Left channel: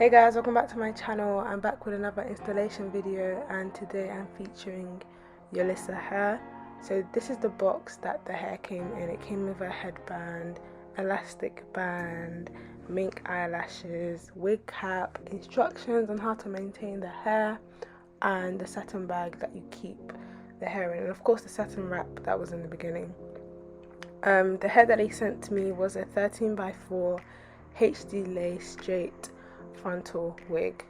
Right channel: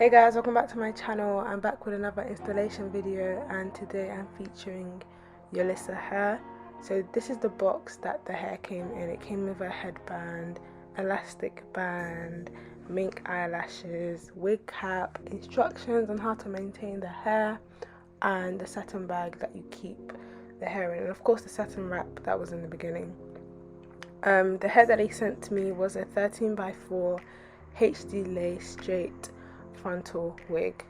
Hey guys, welcome back to my channel. I'm back with another installation video, and today I'm featuring Yolissa Hair. So this is the box that the hair came in. It came with a headband, elastic band, mink eyelashes, wig cap, instructions on how to maintain the hair, and the satin bag that you keep the hair in, and of course the satin wrap that was in the beginning. The hair that they sent to me was a 13x4 HD lace straight frontal wig.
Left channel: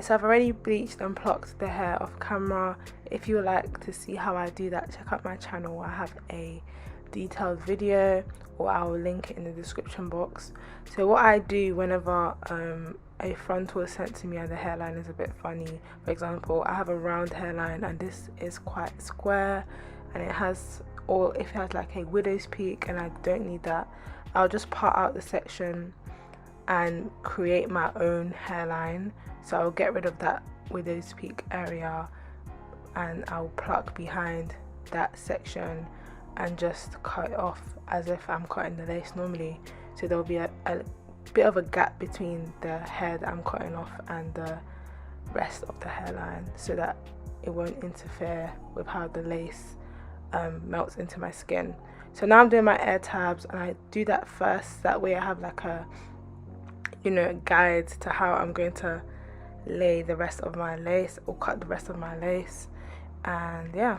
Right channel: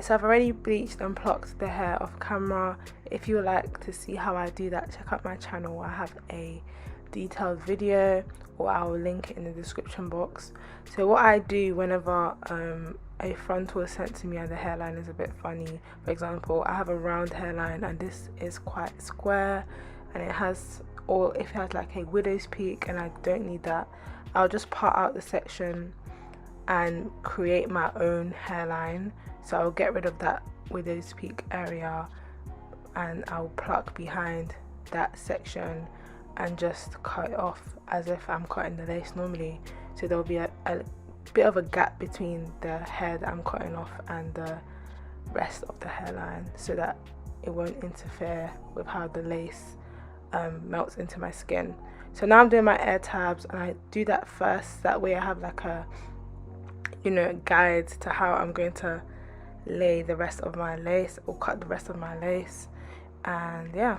So I've already bleached and plucked the hair off camera. If you would like to see how I do that, check out my channel. I have a detailed video, or I will link it in the description box. So what I do whenever a frontal is sent to me and the hairline is a bit funny, for example, I have a round hairline and this is quite square, and it has, or if it has like a widow's peak and I don't need that, I'll just part out the section and create my own hairline. So I'll get rid of that widow's peak area and I'll pluck behind that section and just cut it off as if I'm cutting the lace normally. So there'll be a bit of a gap between the hair that I'm cutting off and the rest of the hairline, so that it won't interfere with how the lace melts into my skin. So now I'm doing my air tabs, and I do that first, that way I have like a guide to how I'm going to lay the rest of my lace or cut the rest of my lace. And yeah.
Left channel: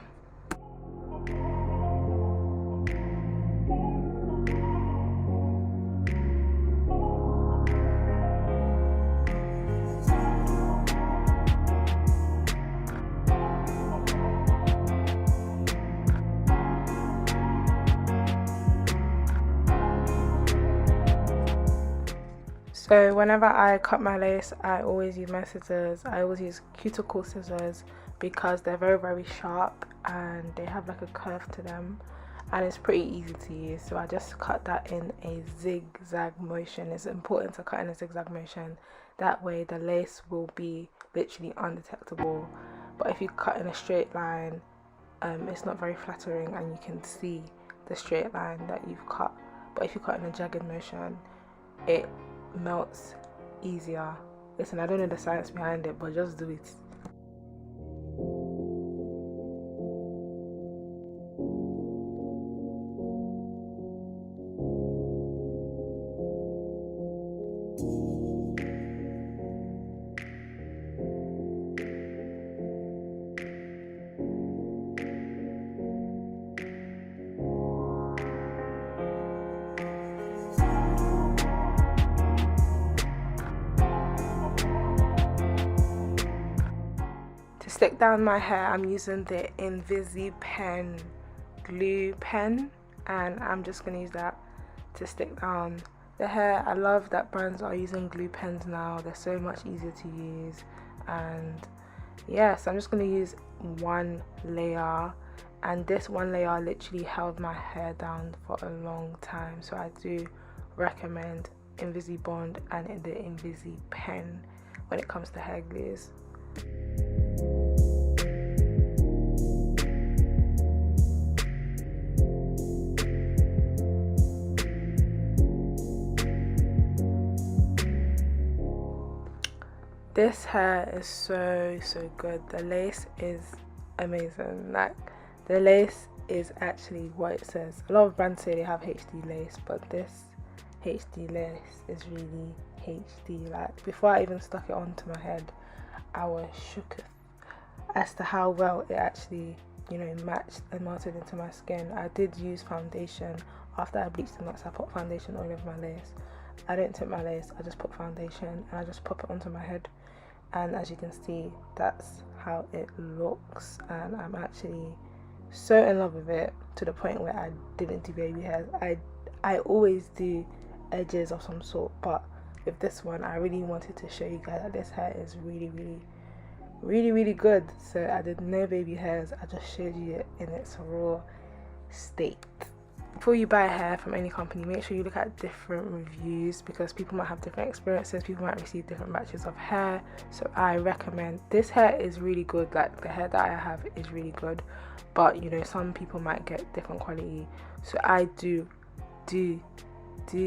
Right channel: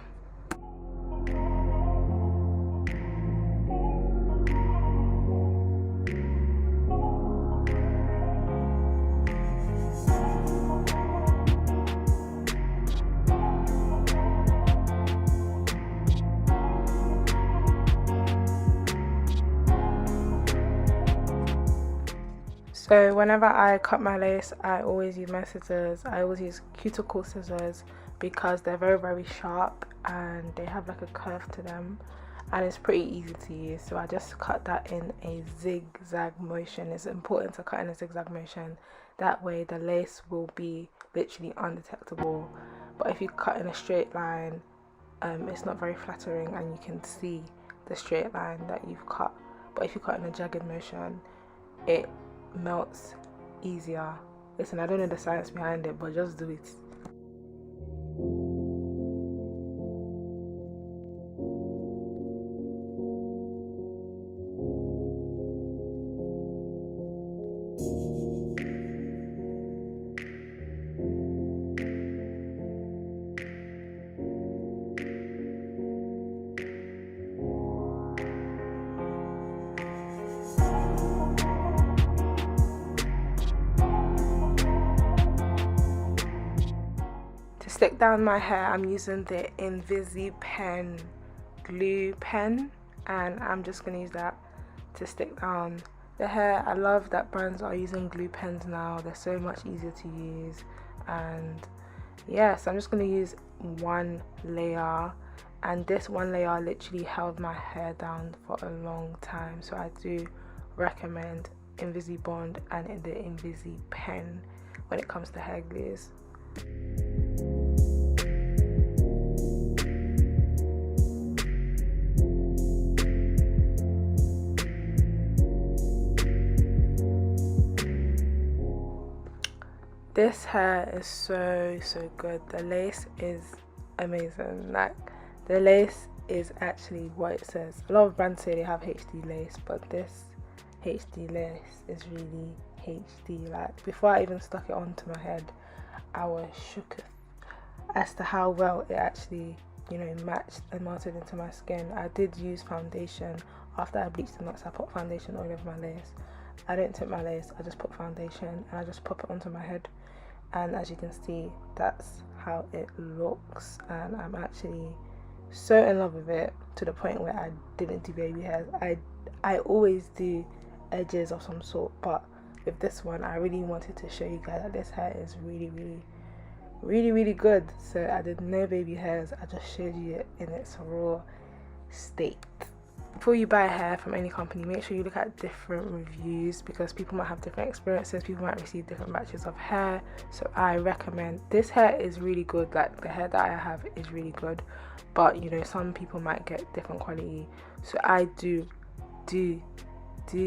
So whenever I cut my lace, I always use my scissors. I always use cuticle scissors because they're very, very sharp and they have like a curve to them, and it's pretty easy to use. So I just cut that in a zigzag motion. It's important to cut in a zigzag motion. That way the lace will be literally undetectable. But if you cut in a straight line, it's not very flattering and you can see the straight line that you've cut. But if you cut in a jagged motion, it melts easier. Listen, I don't know the science behind it, but just do it. To stick down my hair, I'm using the Invisi pen glue pen, and I'm just going to use that to stick down the hair. I love that brands are using glue pens now. They're so much easier to use. And yeah, so I'm just going to use one layer, and this one layer literally held my hair down for a long time. So I do recommend Invisi Bond and the Invisi pen when it comes to hair glues. This hair is so good. The lace is amazing. Like, the lace is actually what it says. A lot of brands say they have HD lace, but this HD lace is really HD. Like, before I even stuck it onto my head, I was shook as to how well it actually matched and melted into my skin. I did use foundation after I bleached the knots. I put foundation all over my lace. I didn't tip my lace, I just put foundation and I just pop it onto my head, and as you can see, that's how it looks. And I'm actually so in love with it, to the point where I didn't do baby hairs. I always do edges of some sort, but with this one I really wanted to show you guys that this hair is really good. So I did no baby hairs, I just showed you it in its raw state. Before you buy hair from any company, make sure you look at different reviews, because people might have different experiences, people might receive different batches of hair. So I recommend, this hair is really good, like the hair that I have is really good, but you know, some people might get different quality. So I do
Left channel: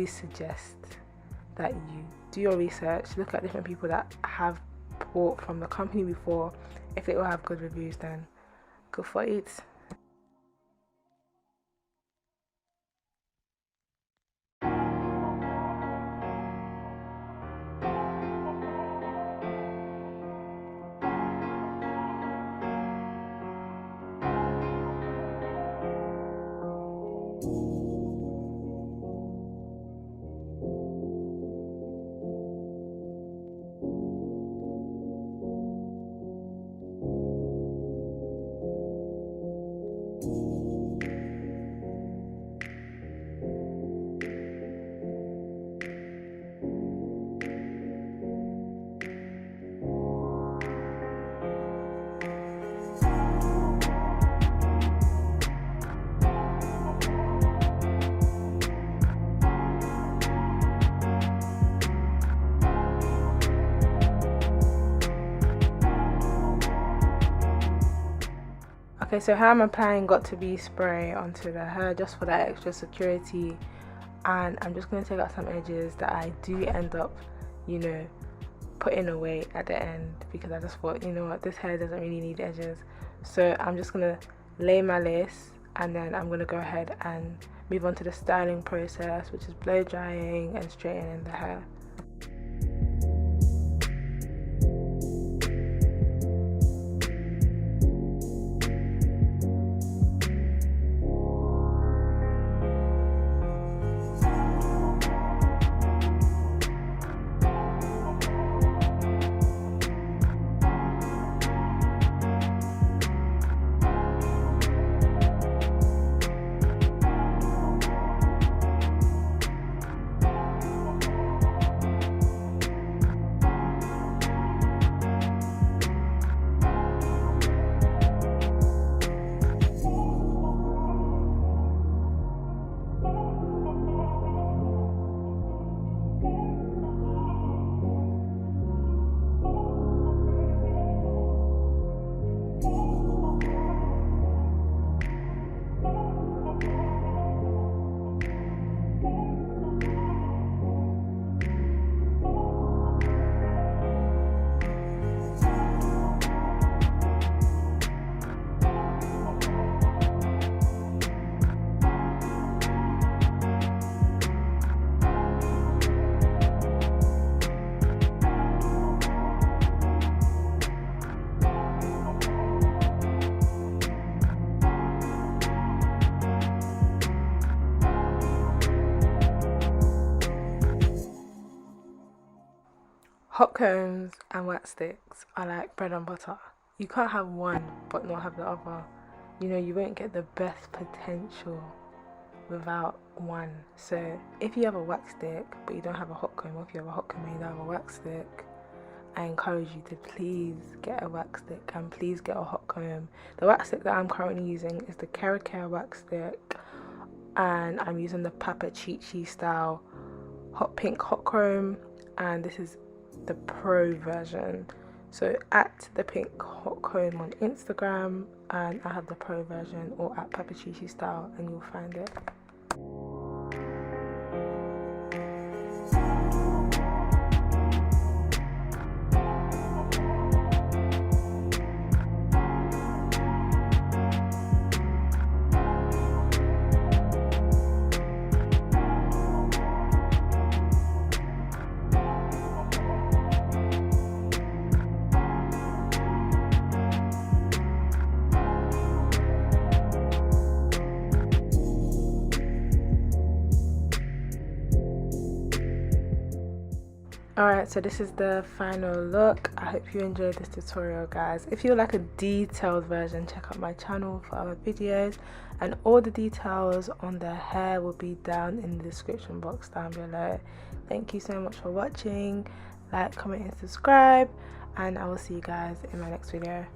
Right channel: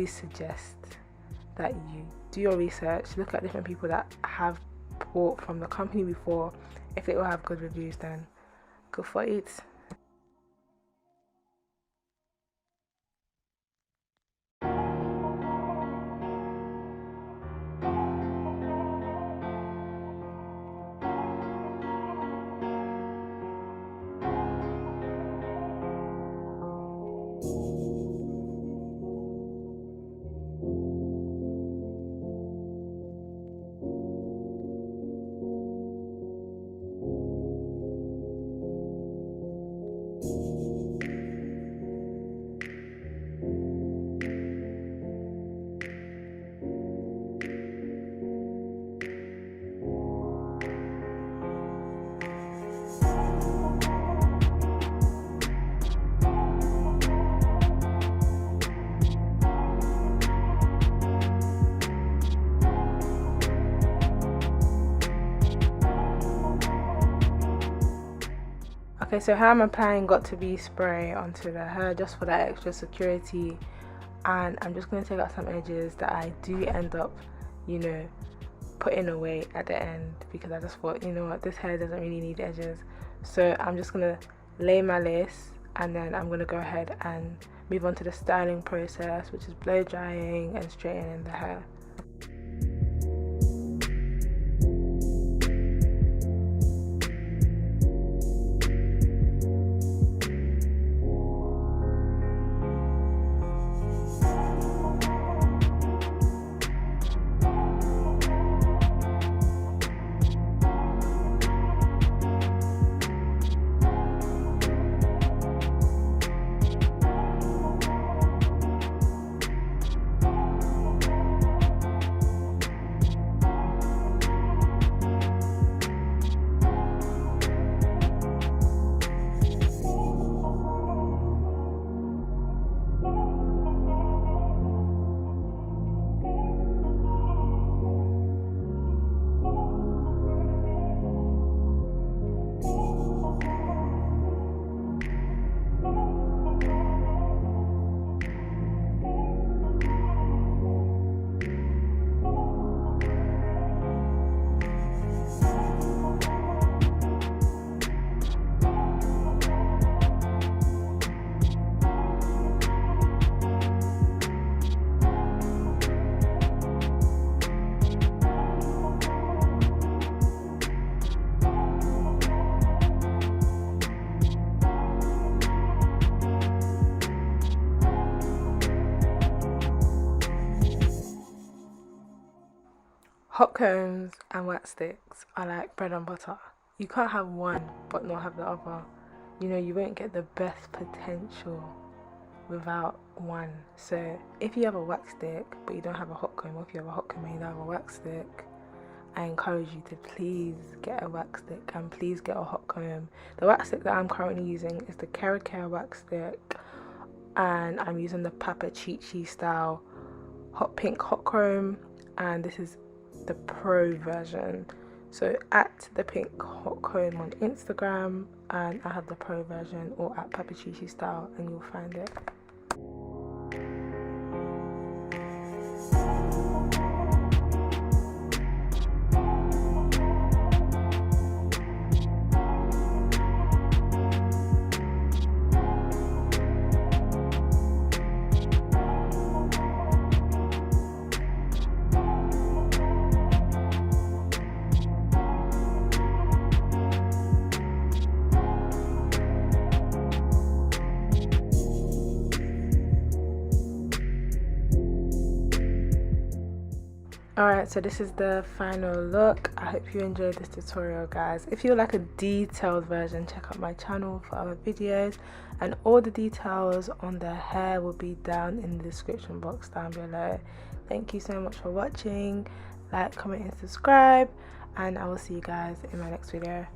suggest that you do your research, look at different people that have bought from the company before. If it will have good reviews, then go for it. Okay, so how I'm applying got to be spray onto the hair just for that extra security, and I'm just going to take out some edges that I do end up, you know, putting away at the end, because I just thought, you know what, this hair doesn't really need edges. So I'm just going to lay my lace, and then I'm going to go ahead and move on to the styling process, which is blow drying and straightening the hair. Hot combs and wax sticks are like bread and butter. You can't have one but not have the other. You know, you won't get the best potential without one. So if you have a wax stick but you don't have a hot comb, or if you have a hot comb and you don't have a wax stick, I encourage you to please get a wax stick and please get a hot comb. The wax stick that I'm currently using is the Care wax stick, and I'm using the Papa Chichi style hot pink hot comb, and this is the pro version. So at the pink hot comb on Instagram, and I have the pro version, or at Papa Chichi style, and you'll find it. Alright, so this is the final look. I hope you enjoyed this tutorial, guys. If you would like a detailed version, check out my channel for other videos, and all the details on the hair will be down in the description box down below. Thank you so much for watching. Like, comment and subscribe, and I will see you guys in my next video.